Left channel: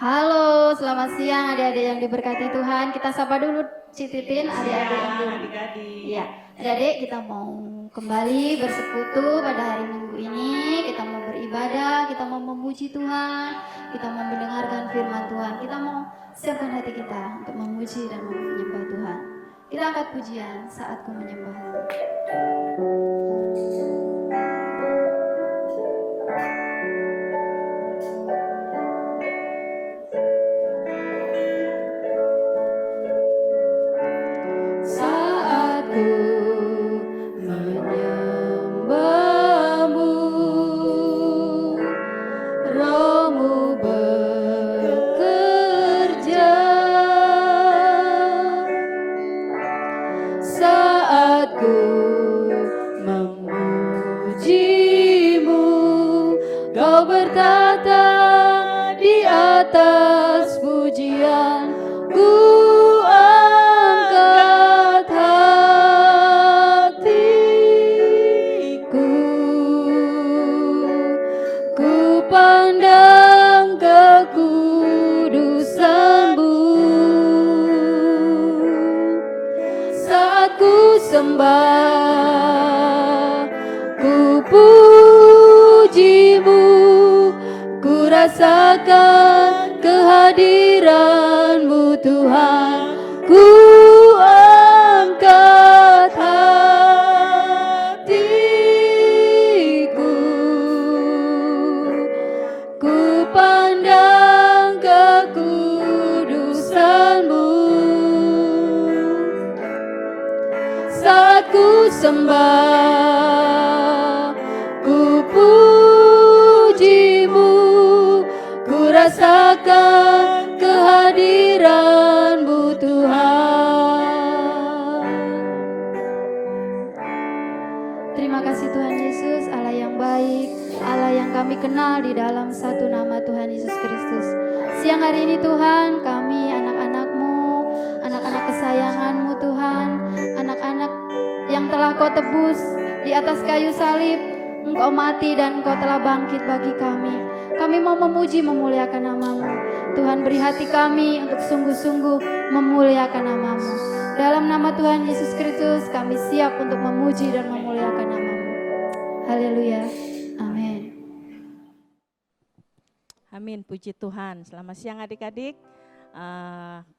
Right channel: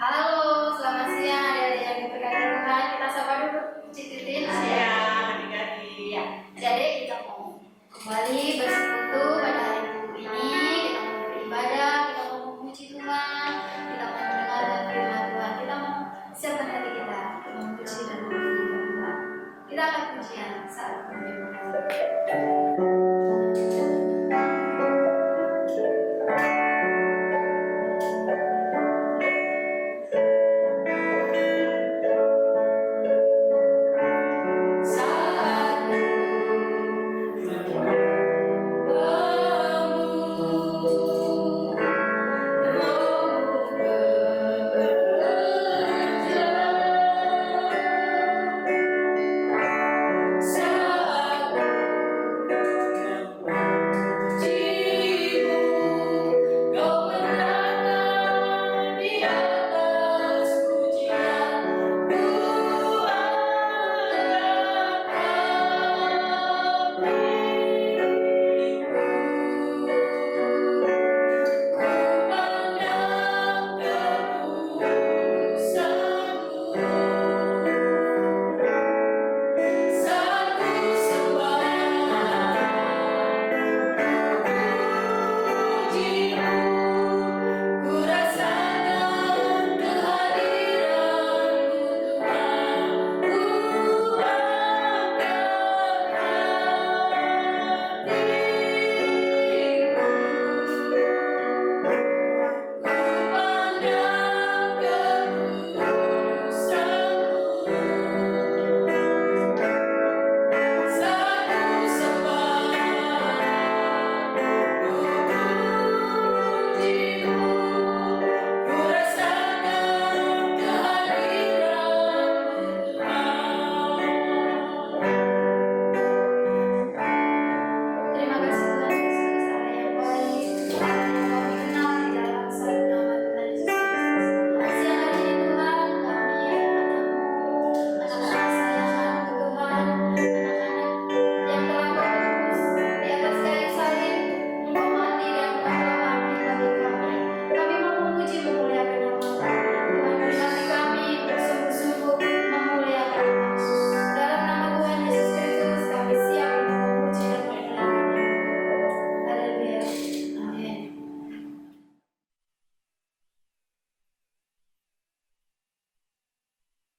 Halo, selamat siang adik-adik yang diberkati Tuhan. Kita sapa dulu Cititin adik-adik. Iya, adik kita mau kembali bersekutu pada hari Minggu ini. Kita mau beribadah, kita mau memuji Tuhan, kita mau mendengarkan firman Tuhan. Kita mau siapkan hati kita untuk memuji dan menyembah Tuhan. Kita angkat pujian saat menyembah. Puji Tuhan. Selamat siang adik-adik.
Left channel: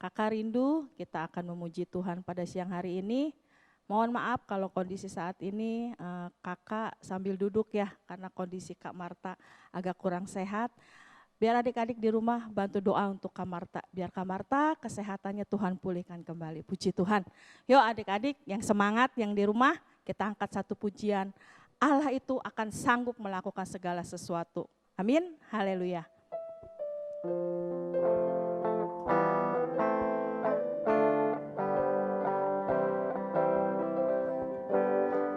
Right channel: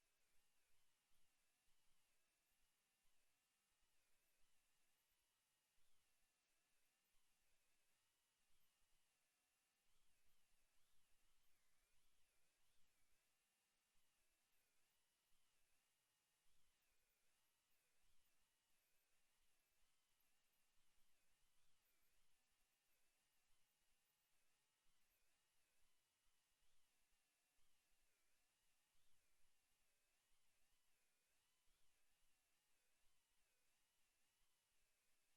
Kakak rindu kita akan memuji Tuhan pada siang hari ini. Mohon maaf kalau kondisi saat ini kakak sambil duduk ya, karena kondisi Kak Marta agak kurang sehat. Biar adik-adik di rumah bantu doa untuk Kak Marta. Biar Kak Marta kesehatannya Tuhan pulihkan kembali. Puji Tuhan. Yuk adik-adik yang semangat yang di rumah, kita angkat satu pujian. Allah itu akan sanggup melakukan segala sesuatu. Amin. Haleluya.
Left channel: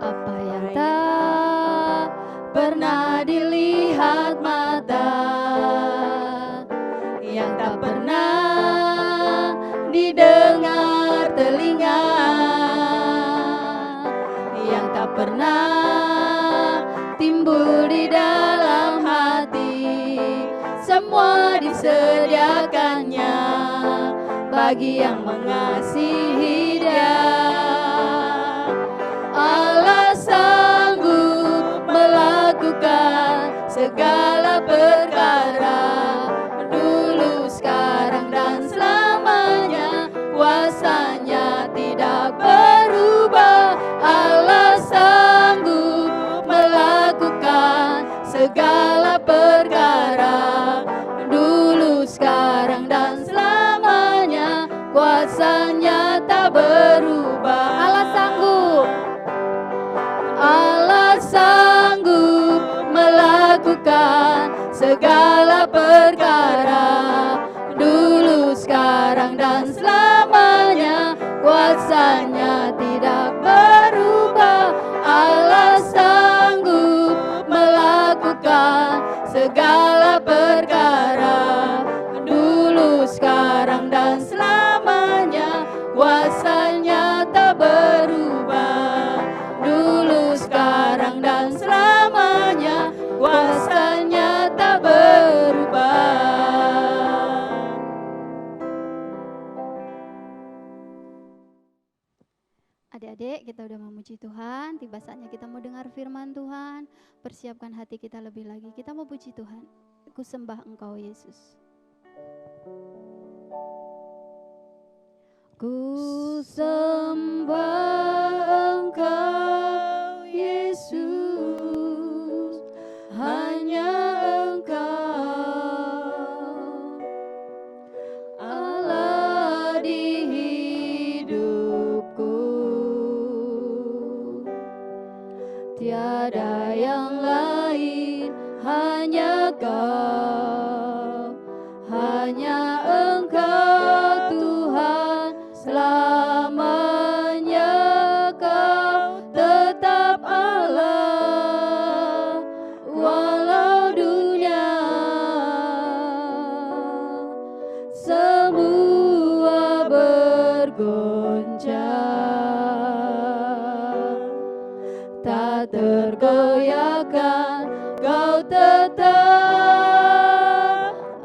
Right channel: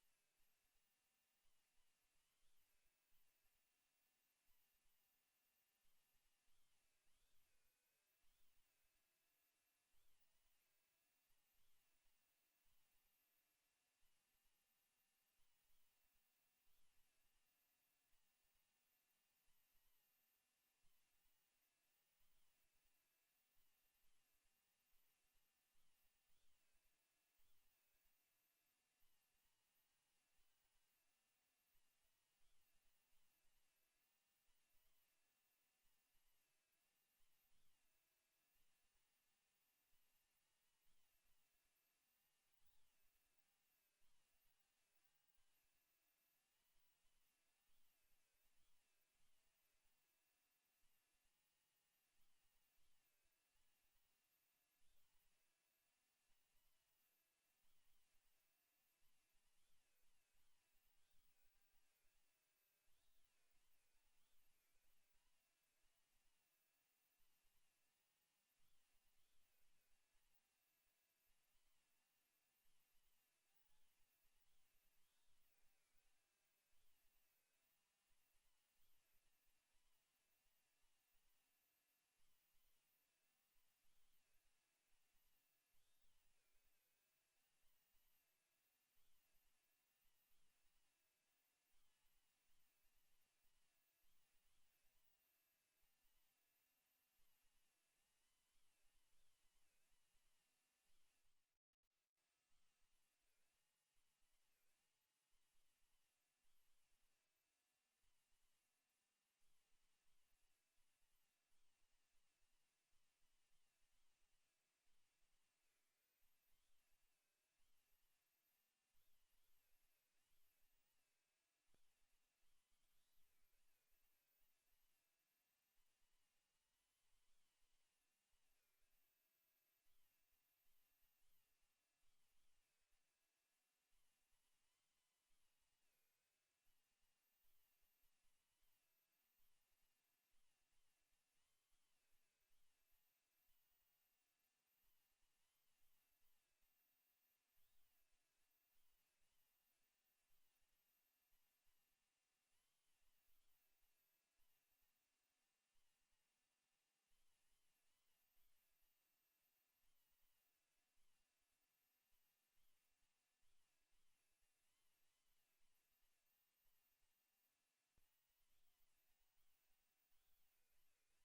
Apa yang tak pernah dilihat mata, yang tak pernah didengar telinga, yang tak pernah timbul di dalam hati, semua disediakannya bagi yang mengasihi Dia. Allah sanggup melakukan segala perkara, dulu, sekarang, dan selamanya. Kuasanya tidak berubah. Allah sanggup melakukan segala perkara, dulu, sekarang, dan selamanya. Kuasanya tak berubah. Allah sanggup. Allah sanggup melakukan segala perkara, dulu, sekarang, dan selamanya. Kuasanya tidak berubah. Allah sanggup melakukan segala perkara, dulu, sekarang, dan selamanya. Kuasanya adik-adik, kita udah memuji Tuhan, tiba saatnya kita mau dengar firman Tuhan. Persiapkan hati kita lebih lagi, kita mau puji Tuhan. Ku sembah Engkau Yesus. Ku sembah Engkau Yesus, hanya Engkau Allah di hidupku, tiada yang lain, hanya Kau, hanya Engkau Tuhan selamanya. Kau tetap Allah walau dunia semua bergoncang, tak tergoyahkan, Kau tetap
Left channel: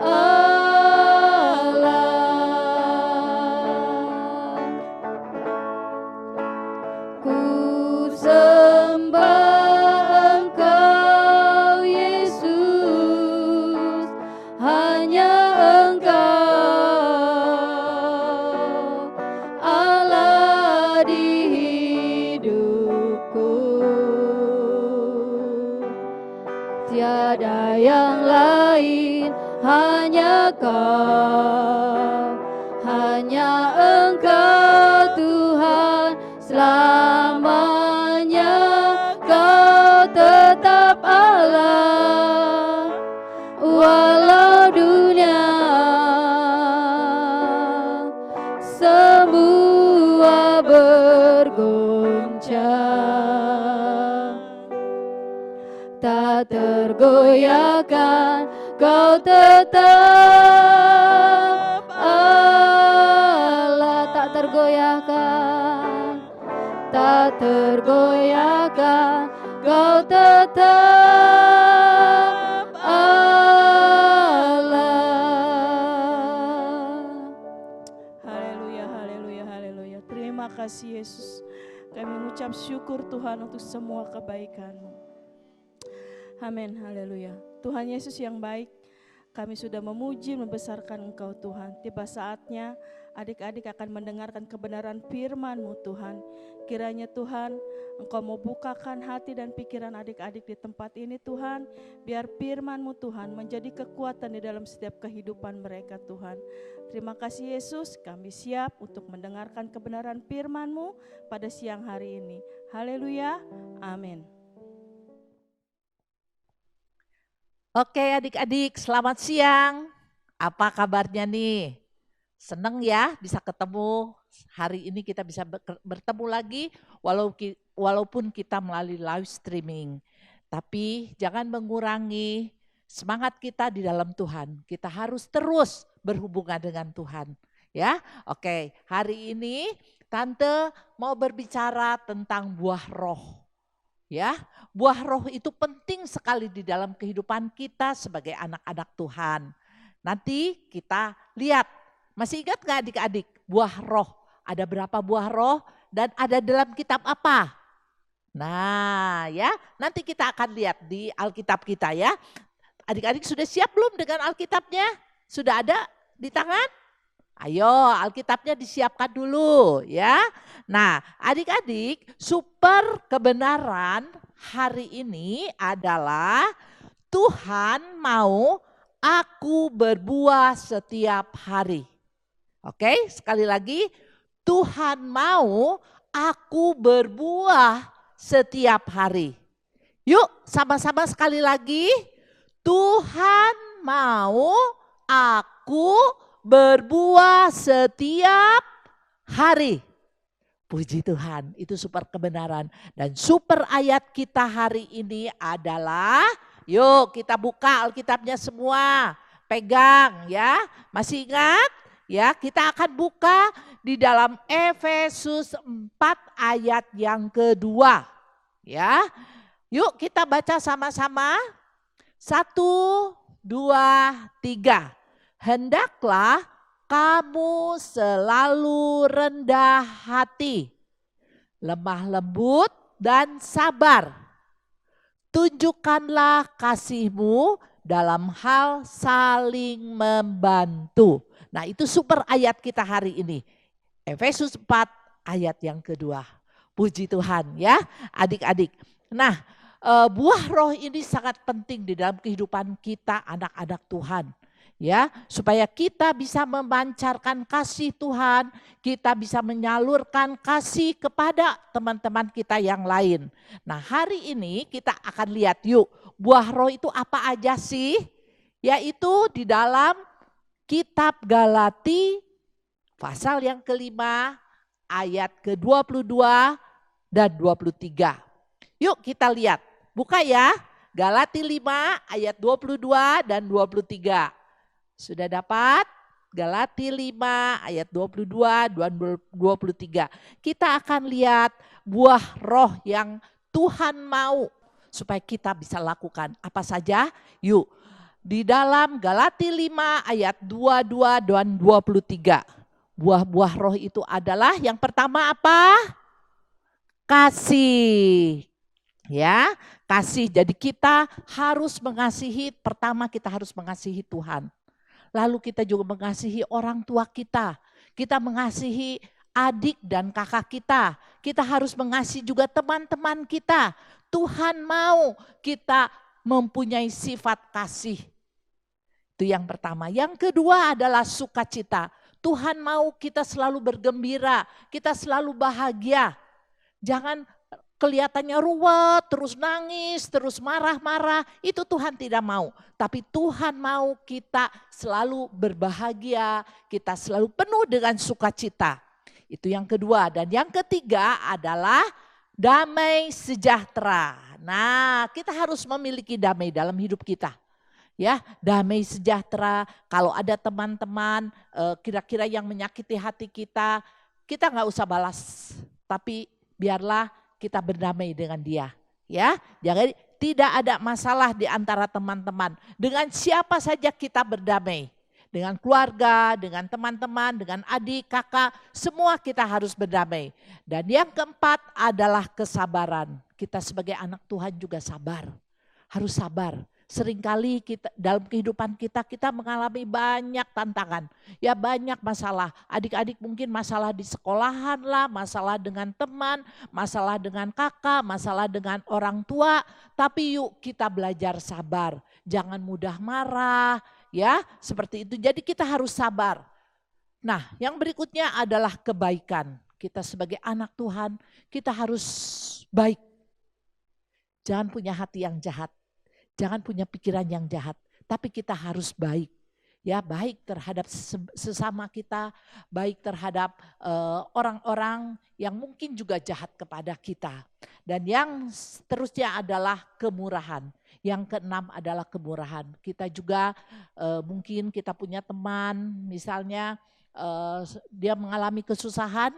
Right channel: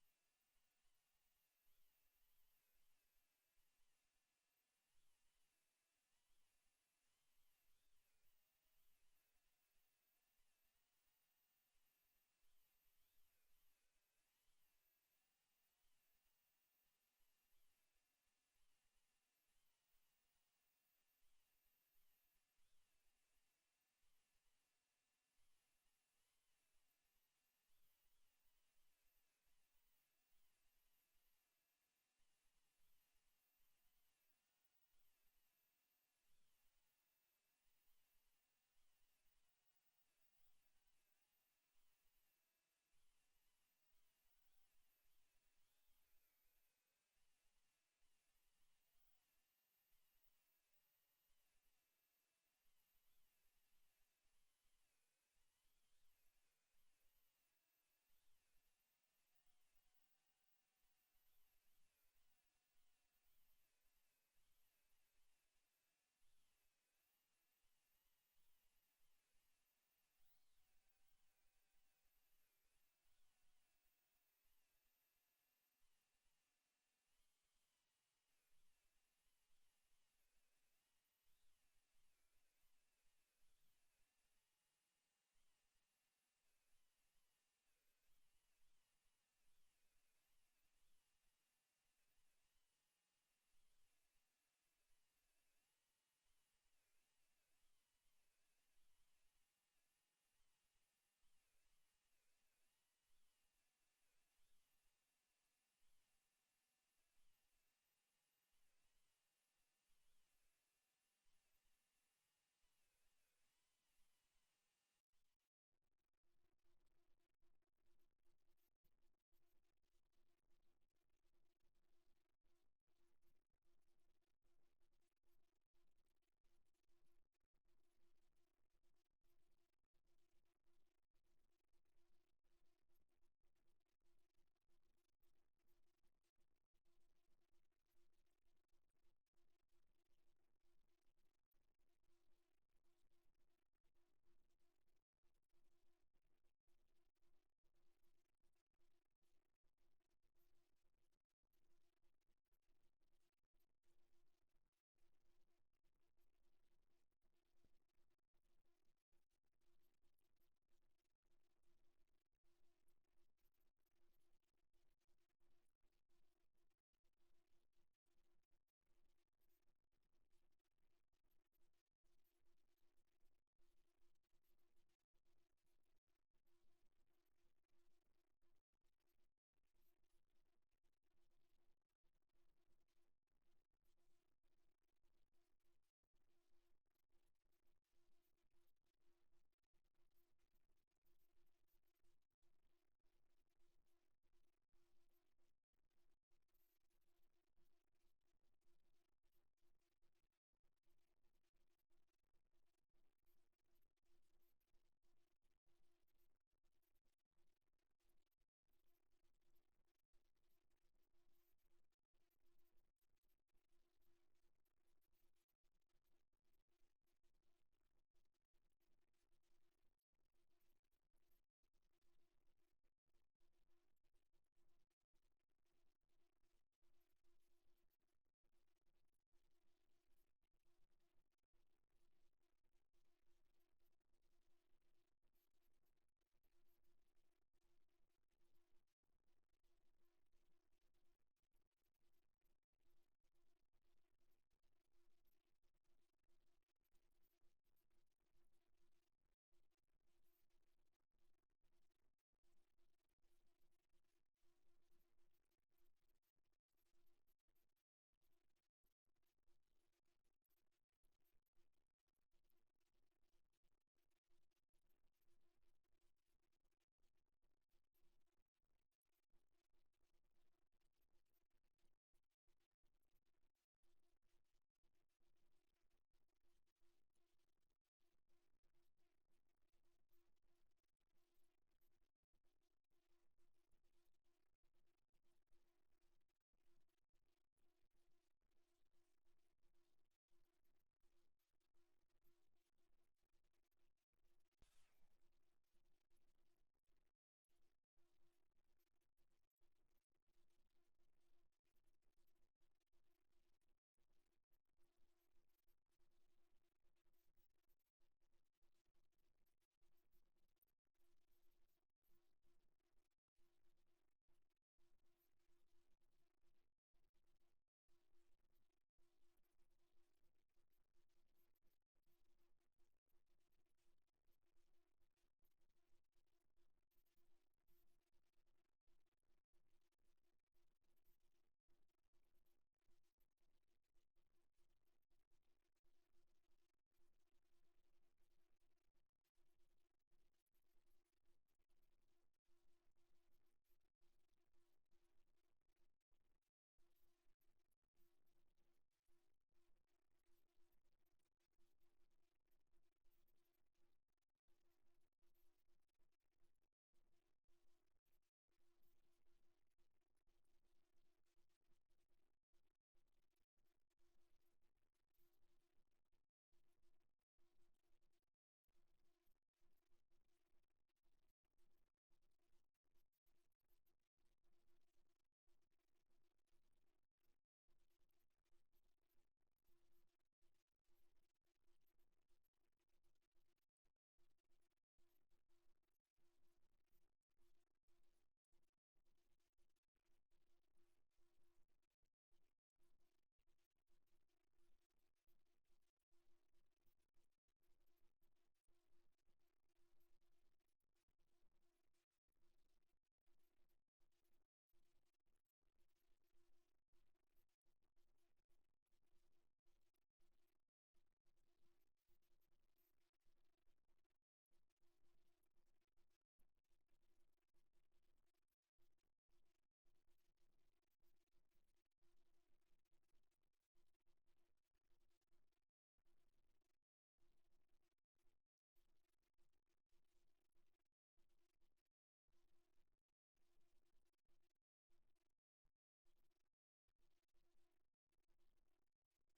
Allah. Ku sembah Engkau Yesus, hanya Engkau Allah di hidupku, tiada yang lain, hanya Kau, hanya Engkau Tuhan selamanya. Kau tetap Allah walau dunia semua bergoncang, tak tergoyahkan, Kau tetap Allah, tak tergoyahkan, tak tergoyahkan, Kau tetap Allah. Haleluya, haleluya, haleluya. Terima kasih Yesus. Kami mengucap syukur Tuhan untuk semua kebaikan-Mu. Amin, haleluya. Tuhan Yesus yang baik, kami sudah memuji, membesarkan Engkau Tuhan. Tiba saatnya adik-adik akan mendengarkan kebenaran firman-Mu Tuhan. Kiranya Tuhan, Engkau mau bukakan hati dan pikiran adik-adik di tempat ini Tuhan. Biar firman-Mu Tuhan menjadi kekuatan di dalam setiap kehidupan mereka Tuhan. Terima kasih Yesus, kami siap untuk mendengarkan kebenaran firman-Mu pada siang hari ini. Haleluya, amin. Oke adik-adik, selamat siang. Apa kabarnya nih? Seneng ya bisa ketemu. Hari ini kita bisa bertemu lagi walaupun kita melalui live streaming. Tapi jangan mengurangi semangat kita di dalam Tuhan. Kita harus terus berhubungan dengan Tuhan. Ya, oke. Hari ini Tante mau berbicara tentang buah roh. Ya, buah roh itu penting sekali di dalam kehidupan kita sebagai anak-anak Tuhan. Nanti kita lihat, masih ingat gak adik-adik buah roh? Ada berapa buah roh dan ada dalam kitab apa? Nah ya, nanti kita akan lihat di Alkitab kita ya. Adik-adik sudah siap belum dengan Alkitabnya? Sudah ada di tangan? Ayo Alkitabnya disiapkan dulu ya. Nah adik-adik, super kebenaran hari ini adalah Tuhan mau aku berbuah setiap hari. Oke, sekali lagi Tuhan mau aku berbuah setiap hari. Yuk sama-sama sekali lagi. Tuhan mau aku berbuah setiap hari. Puji Tuhan, itu super kebenaran. Dan super ayat kita hari ini adalah, yuk kita buka Alkitabnya semua. Pegang ya, masih ingat? Ya, kita akan buka di dalam Efesus 4 ayat yang kedua. Ya, yuk kita baca sama-sama. 1, 2, 3. Hendaklah kamu selalu rendah hati lemah lembut, dan sabar. Tunjukkanlah kasih-Mu dalam hal saling membantu. Nah, itu super ayat kita hari ini. Efesus 4 ayat yang kedua. Puji Tuhan ya adik-adik. Nah, buah roh ini sangat penting di dalam kehidupan kita anak-anak Tuhan. Ya, supaya kita bisa memancarkan kasih Tuhan, kita bisa menyalurkan kasih kepada teman-teman kita yang lain. Nah, hari ini kita akan lihat yuk, buah roh itu apa aja sih? Yaitu di dalam kitab Galati pasal yang kelima ayat ke-22 dan 23. Yuk kita lihat, buka ya, Galati 5 ayat 22 dan 23. Sudah dapat? Galati 5 ayat 22 dan 23. Kita akan lihat buah roh yang Tuhan mau supaya kita bisa lakukan. Apa saja? Yuk. Di dalam Galati 5 ayat 22 dan 23. Buah-buah roh itu adalah yang pertama apa? Kasih. Ya, kasih. Jadi kita harus mengasihi, pertama kita harus mengasihi Tuhan. Lalu kita juga mengasihi orang tua kita. Kita mengasihi adik dan kakak kita. Kita harus mengasihi juga teman-teman kita. Tuhan mau kita mempunyai sifat kasih. Itu yang pertama. Yang kedua adalah sukacita. Tuhan mau kita selalu bergembira, kita selalu bahagia. Jangan kelihatannya ruwet, terus nangis, terus marah-marah, itu Tuhan tidak mau. Tapi Tuhan mau kita selalu berbahagia, kita selalu penuh dengan sukacita. Itu yang kedua. Dan yang ketiga adalah damai sejahtera. Nah, kita harus memiliki damai dalam hidup kita. Ya, damai sejahtera. Kalau ada teman-teman kira-kira yang menyakiti hati kita nggak usah balas. Tapi biarlah kita berdamai dengan dia, ya. Jangan, tidak ada masalah di antara teman-teman. Dengan siapa saja kita berdamai. Dengan keluarga, dengan teman-teman, dengan adik, kakak, semua kita harus berdamai. Dan yang keempat adalah kesabaran. Kita sebagai anak Tuhan juga sabar. Harus sabar. Seringkali kita dalam kehidupan kita mengalami banyak tantangan. Ya banyak masalah. Adik-adik mungkin masalah di sekolahan lah, masalah dengan teman, masalah dengan kakak, masalah dengan orang tua. Tapi yuk kita belajar sabar. Jangan mudah marah ya seperti itu. Jadi kita harus sabar. Nah yang berikutnya adalah kebaikan. Kita sebagai anak Tuhan kita harus baik. Jangan punya hati yang jahat. Jangan punya pikiran yang jahat, tapi kita harus baik. Ya, baik terhadap sesama kita, baik terhadap orang-orang yang mungkin juga jahat kepada kita. Dan yang seterusnya adalah kemurahan. Yang keenam adalah kemurahan. Kita juga mungkin kita punya teman, misalnya dia mengalami kesusahan,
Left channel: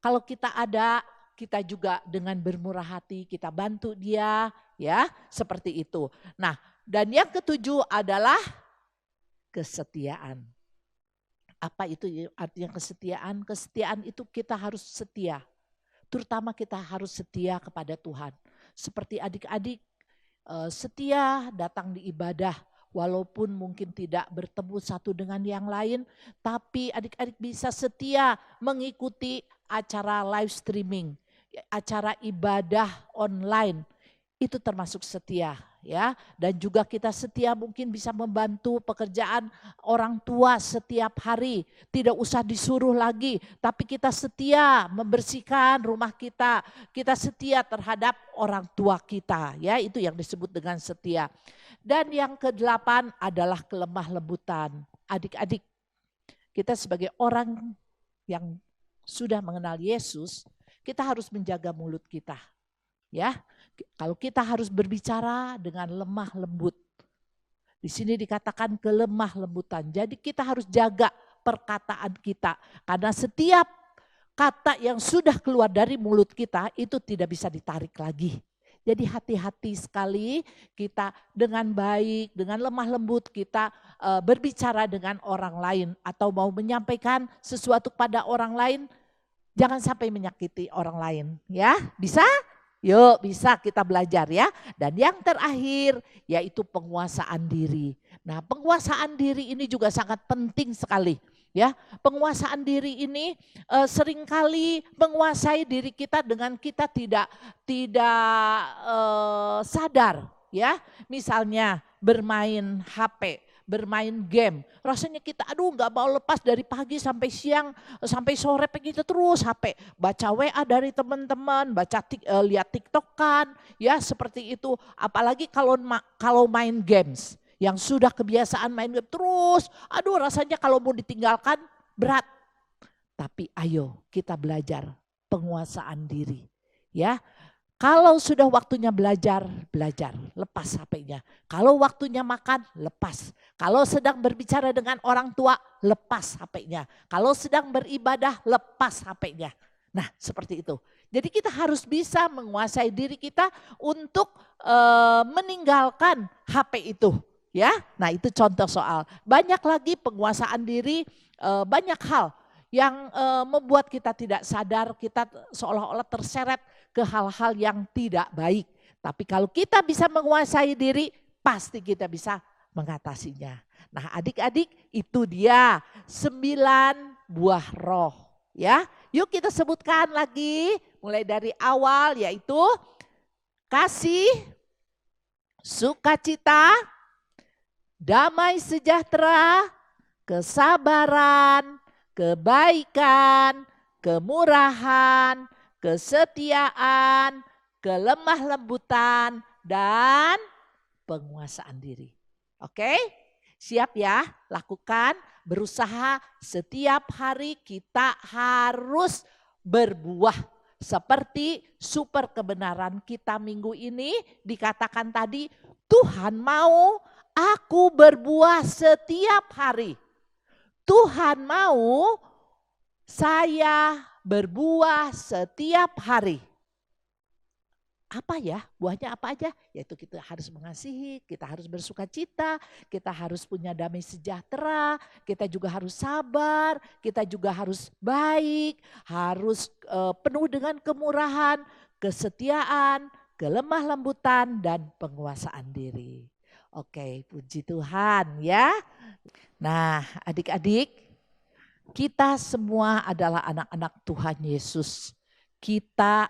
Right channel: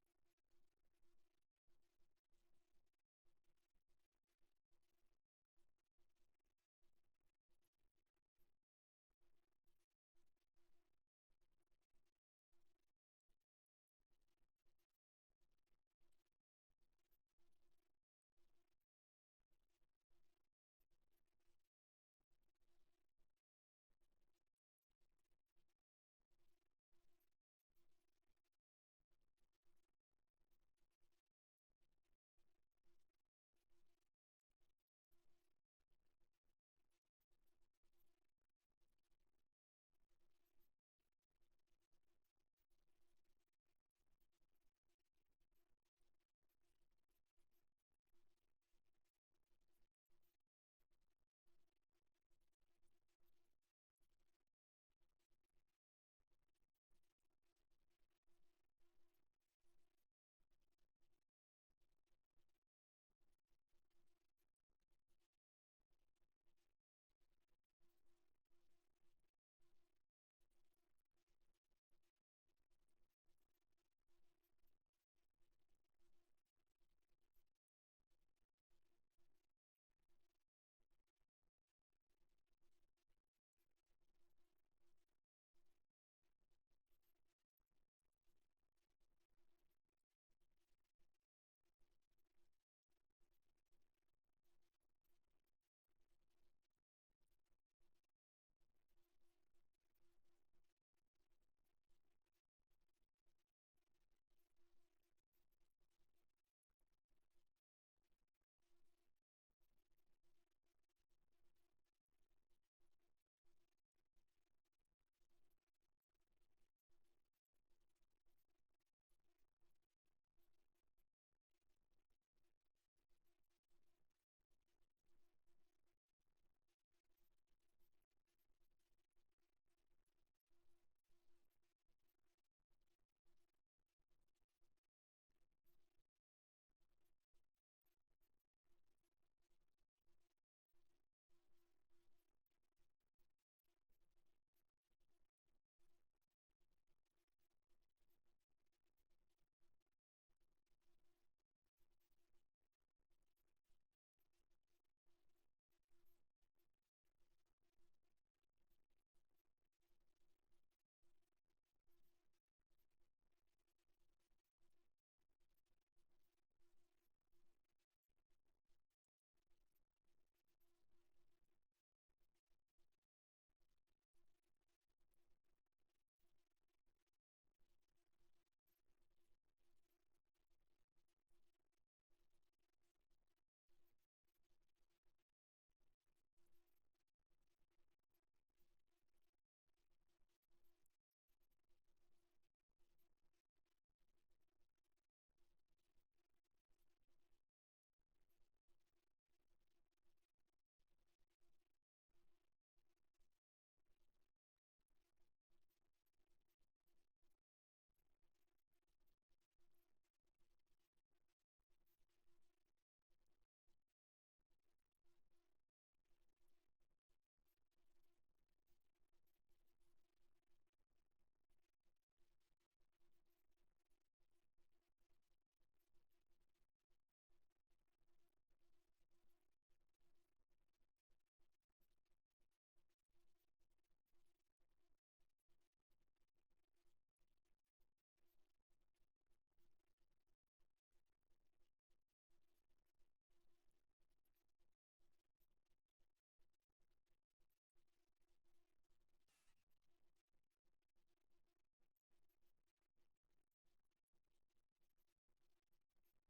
kalau kita ada, kita juga dengan bermurah hati, kita bantu dia, ya seperti itu. Nah dan yang ketujuh adalah kesetiaan. Apa itu artinya kesetiaan? Kesetiaan itu kita harus setia. Terutama kita harus setia kepada Tuhan. Seperti adik-adik setia datang di ibadah. Walaupun mungkin tidak bertemu satu dengan yang lain. Tapi adik-adik bisa setia mengikuti acara live streaming. Acara ibadah online. Itu termasuk setia ya. Dan juga kita setia mungkin bisa membantu pekerjaan orang tua setiap hari. Tidak usah disuruh lagi, tapi kita setia membersihkan rumah kita. Kita setia terhadap orang tua kita ya, itu yang disebut dengan setia. Dan yang kedelapan adalah kelemah lembutan. Adik-adik, kita sebagai orang yang sudah mengenal Yesus, kita harus menjaga mulut kita. Ya. Kalau kita harus berbicara dengan lemah lembut. Di sini dikatakan kelemah lembutan. Jadi kita harus jaga perkataan kita. Karena setiap kata yang sudah keluar dari mulut kita itu tidak bisa ditarik lagi. Jadi hati-hati sekali kita dengan baik, dengan lemah lembut kita berbicara dengan orang lain. Atau mau menyampaikan sesuatu pada orang lain. Jangan sampai menyakiti orang lain ya. Bisa? Yuk bisa kita belajar ya. Dan yang terakhir yaitu penguasaan diri. Nah penguasaan diri ini juga sangat penting sekali. Ya, penguasaan diri ini seringkali menguasai diri kita dengan kita tidak sadar ya. Misalnya bermain HP, bermain game. Rasanya kita aduh nggak mau lepas dari pagi sampai siang, sampai sore begitu terus HP. Baca WA dari teman-teman, lihat TikTok kan, ya seperti itu. Apalagi kalau main games. Yang sudah kebiasaan main game terus, aduh rasanya kalau mau ditinggalkan berat. Tapi ayo kita belajar penguasaan diri. Ya, kalau sudah waktunya belajar, lepas HP-nya. Kalau waktunya makan, lepas. Kalau sedang berbicara dengan orang tua, lepas HP-nya. Kalau sedang beribadah, lepas HP-nya. Nah seperti itu. Jadi kita harus bisa menguasai diri kita untuk meninggalkan HP itu. Ya, nah itu contoh soal. Banyak lagi penguasaan diri, banyak hal yang membuat kita tidak sadar, kita seolah-olah terseret ke hal-hal yang tidak baik. Tapi kalau kita bisa menguasai diri, pasti kita bisa mengatasinya. Nah adik-adik itu dia 9 buah roh. Ya, yuk kita sebutkan lagi mulai dari awal yaitu kasih, sukacita, damai sejahtera, kesabaran, kebaikan, kemurahan, kesetiaan, kelemah lembutan, dan penguasaan diri. Oke? Siap ya? Lakukan, berusaha setiap hari kita harus berbuah. Seperti super kebenaran kita minggu ini dikatakan tadi, Tuhan mau aku berbuah setiap hari. Tuhan mau saya berbuah setiap hari. Apa ya? Buahnya apa aja? Yaitu kita harus mengasihi, kita harus bersuka cita, kita harus punya damai sejahtera, kita juga harus sabar, kita juga harus baik, harus penuh dengan kemurahan, kesetiaan, kelemah lembutan, dan penguasaan diri. Oke, puji Tuhan ya. Nah adik-adik, kita semua adalah anak-anak Tuhan Yesus. Kita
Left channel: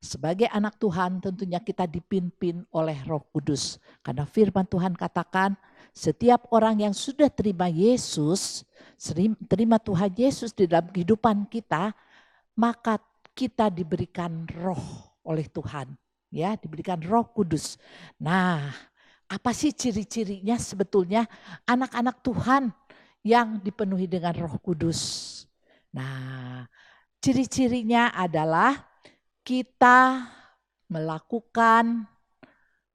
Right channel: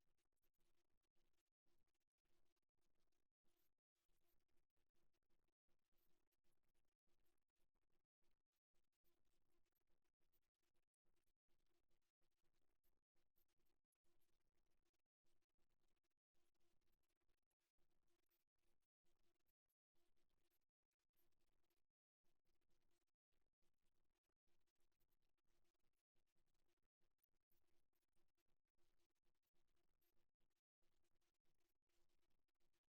sebagai anak Tuhan tentunya kita dipimpin oleh Roh Kudus. Karena firman Tuhan katakan setiap orang yang sudah terima Yesus, terima Tuhan Yesus di dalam kehidupan kita, maka kita diberikan roh oleh Tuhan. Ya, diberikan Roh Kudus. Nah, apa sih ciri-cirinya sebetulnya anak-anak Tuhan yang dipenuhi dengan Roh Kudus? Nah, ciri-cirinya adalah kita melakukan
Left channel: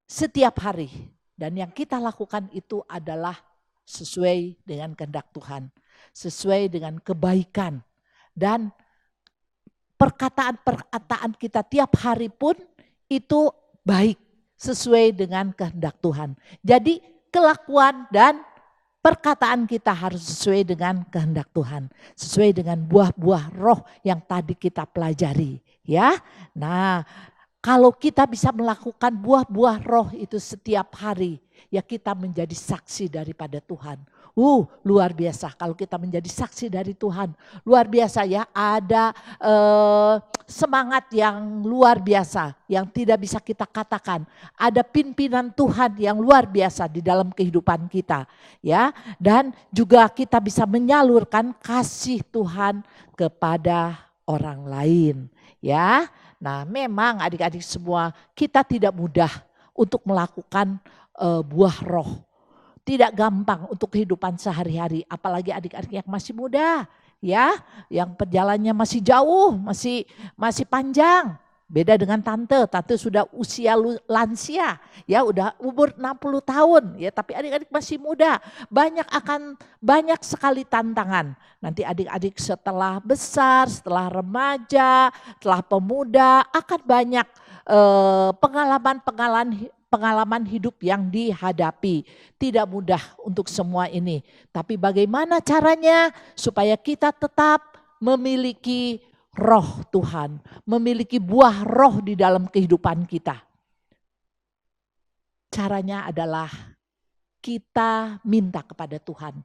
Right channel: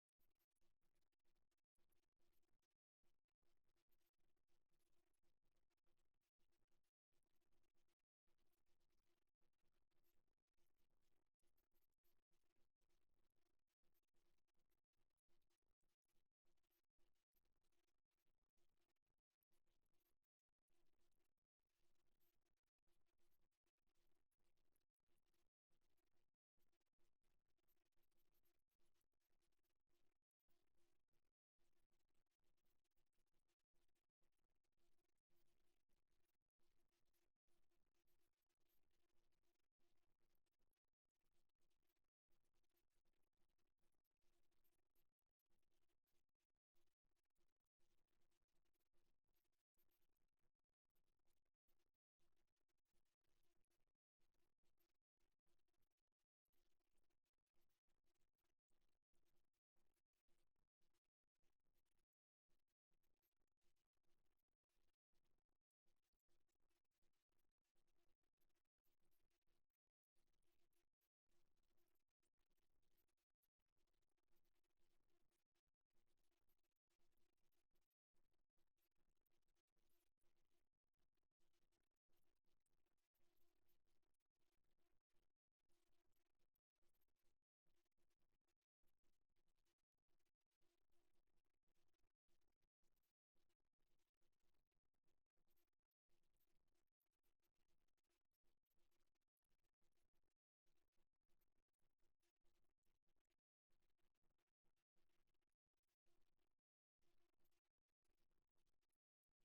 setiap hari. Dan yang kita lakukan itu adalah sesuai dengan kehendak Tuhan. Sesuai dengan kebaikan. Dan perkataan-perkataan kita tiap hari pun itu baik. Sesuai dengan kehendak Tuhan. Jadi kelakuan dan perkataan kita harus sesuai dengan kehendak Tuhan. Sesuai dengan buah-buah roh yang tadi kita pelajari. Ya, nah kalau kita bisa melakukan buah-buah roh itu setiap hari. Ya kita menjadi saksi daripada Tuhan. Luar biasa kalau kita menjadi saksi dari Tuhan. Luar biasa ya, ada semangat yang luar biasa yang tidak bisa kita katakan. Ada pimpinan Tuhan yang luar biasa di dalam kehidupan kita. Ya, dan juga kita bisa menyalurkan kasih Tuhan kepada orang lain. Ya, nah memang adik-adik semua kita tidak mudah untuk melakukan buah roh. Tidak gampang untuk kehidupan sehari-hari, apalagi adik-adik yang masih muda, ya, yang perjalanannya masih jauh, masih panjang. Beda dengan tante sudah usia lansia, ya udah umur 60 tahun, ya tapi adik-adik masih muda. Banyak sekali tantangan. Nanti adik-adik setelah besar, setelah remaja, setelah pemuda akan banyak pengalaman hidup yang dihadapi. Tidak mudah untuk semua ini. Tapi bagaimana caranya supaya kita tetap memiliki roh Tuhan, memiliki buah roh di dalam kehidupan kita. Caranya adalah kita minta kepada Tuhan.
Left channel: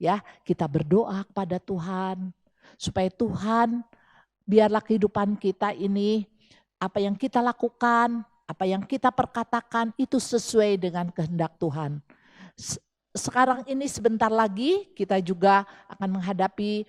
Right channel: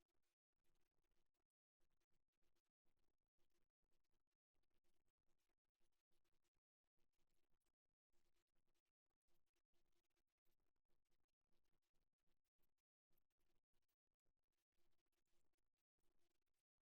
Ya, kita berdoa kepada Tuhan supaya Tuhan biarlah kehidupan kita ini apa yang kita lakukan, apa yang kita perkatakan itu sesuai dengan kehendak Tuhan. Sekarang ini sebentar lagi kita juga akan menghadapi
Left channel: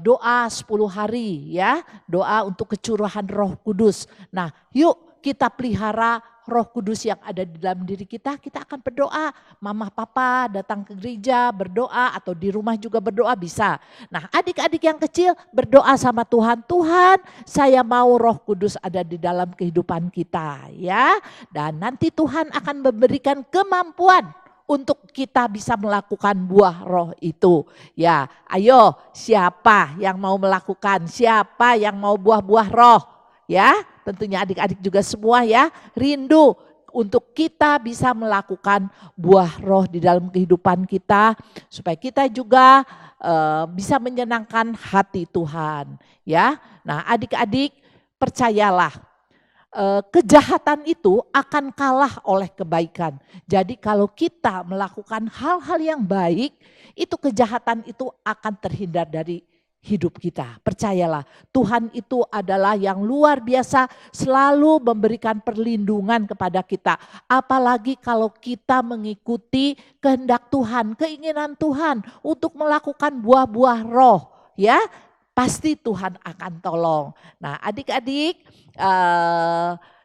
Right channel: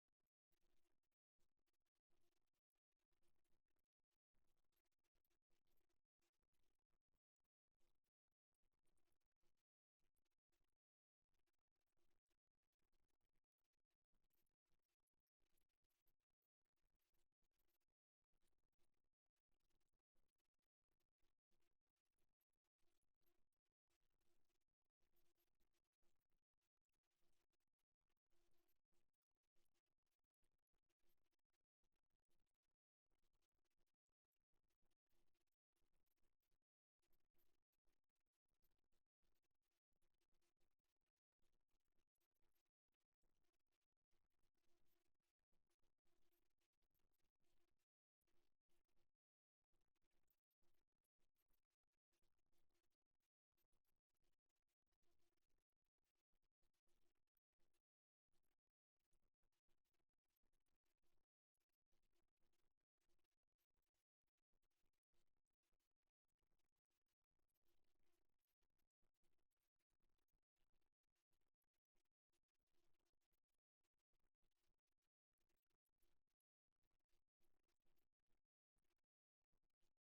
doa 10 hari ya, doa untuk kecurahan Roh Kudus. Nah, yuk kita pelihara Roh Kudus yang ada di dalam diri kita, kita akan berdoa. Mama papa datang ke gereja berdoa atau di rumah juga berdoa bisa. Nah, adik-adik yang kecil berdoa sama Tuhan, Tuhan saya mau Roh Kudus ada di dalam kehidupan kita ya. Dan nanti Tuhan akan memberikan kemampuan untuk kita bisa melakukan buah roh itu. Ya, ayo siapa yang mau melakukan, siapa yang mau buah-buah roh? Ya, tentunya adik-adik juga semua ya, rindu untuk kita bisa melakukan buah roh di dalam kehidupan kita supaya kita juga bisa menyenangkan hati Tuhan ya. Nah, adik-adik percayalah kejahatan itu akan kalah oleh kebaikan. Jadi kalau kita melakukan hal-hal yang baik, itu kejahatan itu akan terhindar dari hidup kita. Percayalah, Tuhan itu adalah yang luar biasa, selalu memberikan perlindungan kepada kita. Apalagi kalau kita mengikuti kehendak Tuhan, keinginan Tuhan untuk melakukan buah-buah roh, ya. Pasti Tuhan akan tolong. Nah, adik-adik,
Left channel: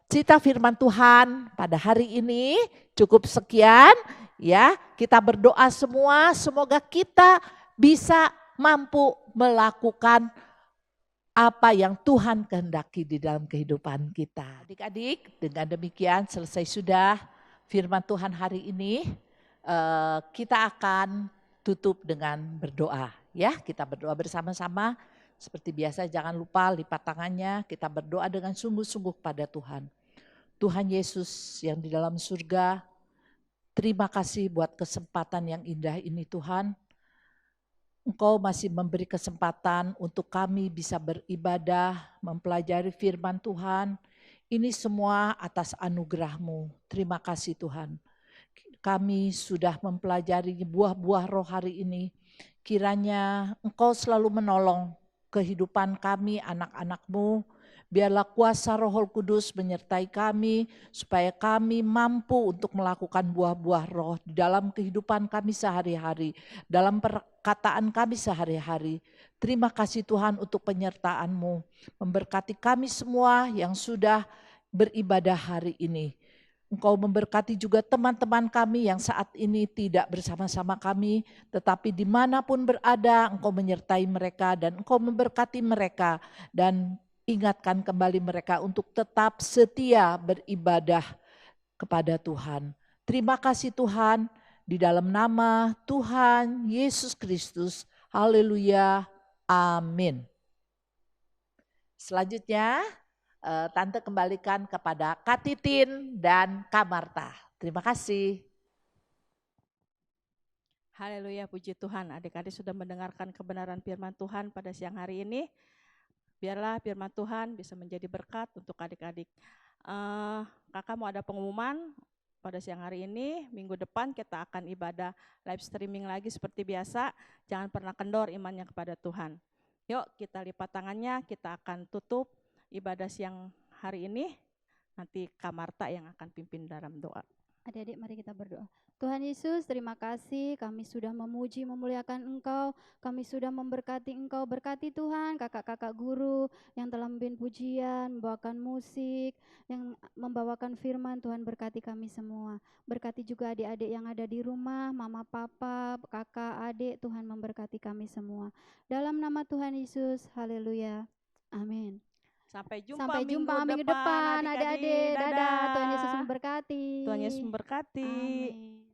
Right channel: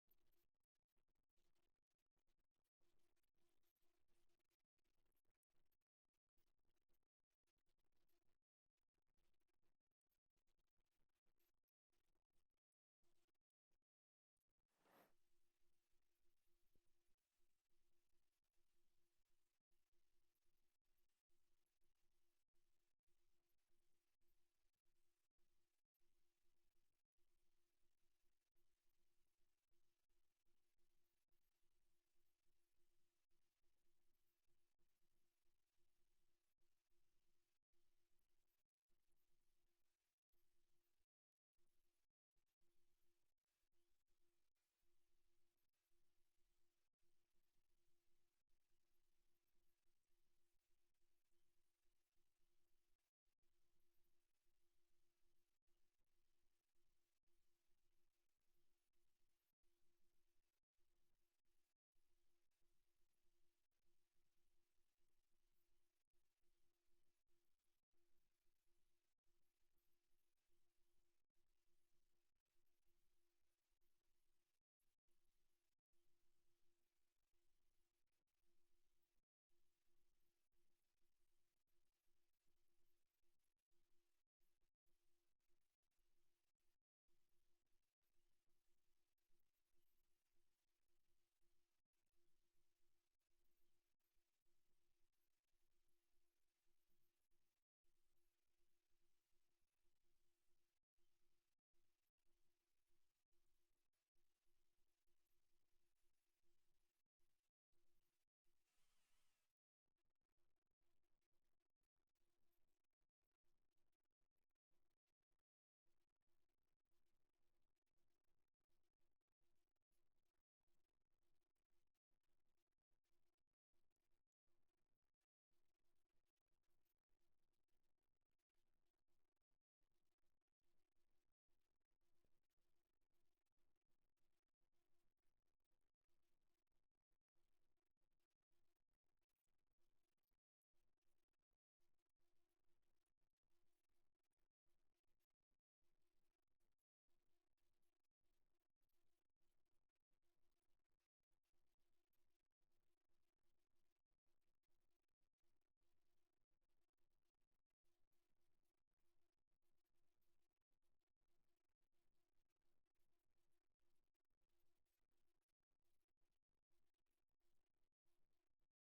cerita firman Tuhan pada hari ini cukup sekian ya. Kita berdoa semua, semoga kita bisa mampu melakukan apa yang Tuhan kehendaki di dalam kehidupan kita. Adik-adik, dengan demikian selesai sudah firman Tuhan hari ini. Kita akan tutup dengan berdoa ya. Kita berdoa bersama-sama. Seperti biasa jangan lupa lipat tangannya, kita berdoa dengan sungguh-sungguh pada Tuhan. Tuhan Yesus yang di dalam surga, terima kasih buat kesempatan yang indah ini Tuhan. Engkau masih memberi kesempatan untuk kami bisa beribadah, mempelajari firman Tuhan. Ini semua atas anugerah-Mu. Terima kasih Tuhan. Kami sudah mempelajari buah-buah roh hari ini. Kiranya Engkau selalu menolong kehidupan kami anak-anak-Mu. Biarlah kuasa Roh Kudus menyertai kami supaya kami mampu untuk melakukan buah-buah roh di dalam kehidupan kami sehari-hari, dalam perkataan kami sehari-hari. Terima kasih Tuhan untuk penyertaan-Mu. Memberkati kami semua yang sudah beribadah hari ini. Engkau memberkati juga teman-teman kami yang saat ini tidak bersama-sama kami, tetapi dimanapun berada Engkau menyertai mereka dan Engkau memberkati mereka dan ingatkan kembali mereka untuk tetap setia beribadah kepada Tuhan. Terima kasih Tuhan, di dalam nama Tuhan Yesus Kristus. Haleluya. Amin. Selanjutnya Tante kembalikan kepada Kak Titin dan Kak Marta. Terima kasih. Haleluya, puji Tuhan. Adik-adik sudah mendengarkan kebenaran firman Tuhan pada siang hari ini. Biarlah firman Tuhan bisa menjadi berkat untuk adik-adik. Kakak mau ada pengumuman pada siang hari ini. Minggu depan kita akan ibadah live streaming lagi seperti biasa. Jangan pernah kendor imannya kepada Tuhan. Yuk kita lipat tangannya, kita akan tutup ibadah siang hari ini. Nanti Kak Marta yang akan pimpin dalam doa. Adik-adik mari kita berdoa. Tuhan Yesus, terima kasih kami sudah memuji memuliakan Engkau, kami sudah memberkati Engkau. Berkati Tuhan kakak-kakak guru yang telah memimpin pujian, membawakan musik, yang membawakan firman. Tuhan berkati kami semua. Berkati juga adik-adik yang ada di rumah, mama papa, kakak, adik. Tuhan memberkati kami semua. Dalam nama Tuhan Yesus, haleluya. Amin. Sampai jumpa minggu depan adik-adik. Dadah. Tuhan Yesus memberkati. Tuhan Yesus memberkati. Amin.